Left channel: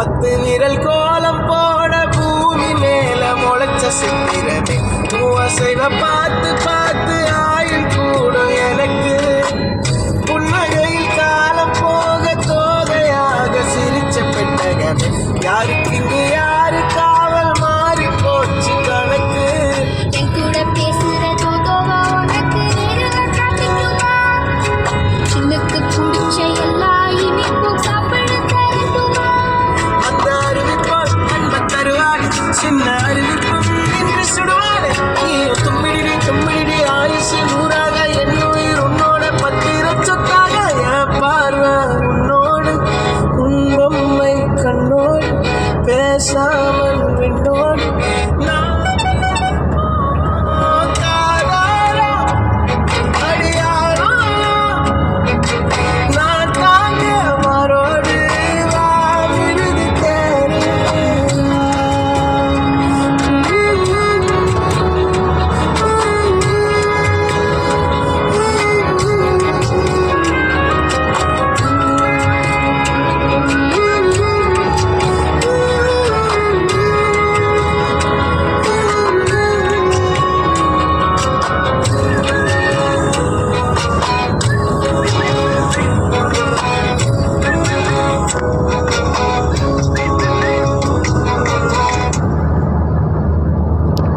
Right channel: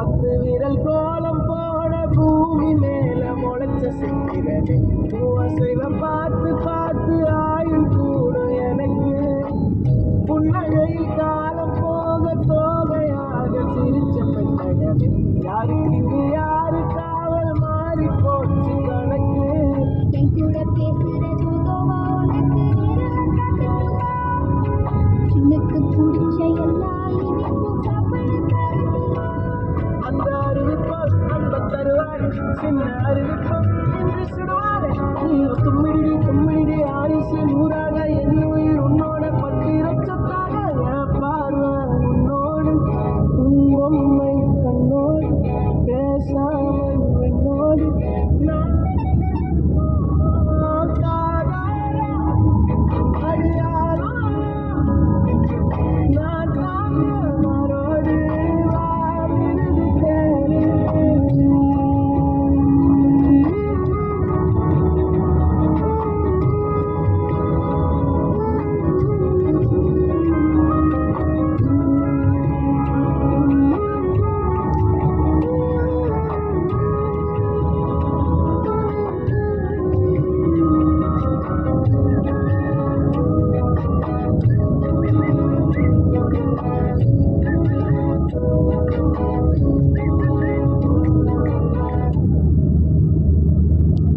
10 விரல் கோலம் போட பூமி மேல முளைச்ச சித்திரமே அசைவ பார்த்து பார்த்து ஆயுள் கூடும் எனக்கு புன்னகையில் காலம் போக தோகையாக சிரிச்ச பெட்டகமே யாருக்கு இங்கு யாரு காவல் மாறி போச்சு கணக்கு என் கூட பேசுறதோ உனக்கு காட்டிக்குமா எனக்கு பிடிச்ச எல்லா இனிப்பும் சாப்பிட தருமா அந்த அருவி போல் அன்ப தருவாடி சின்ன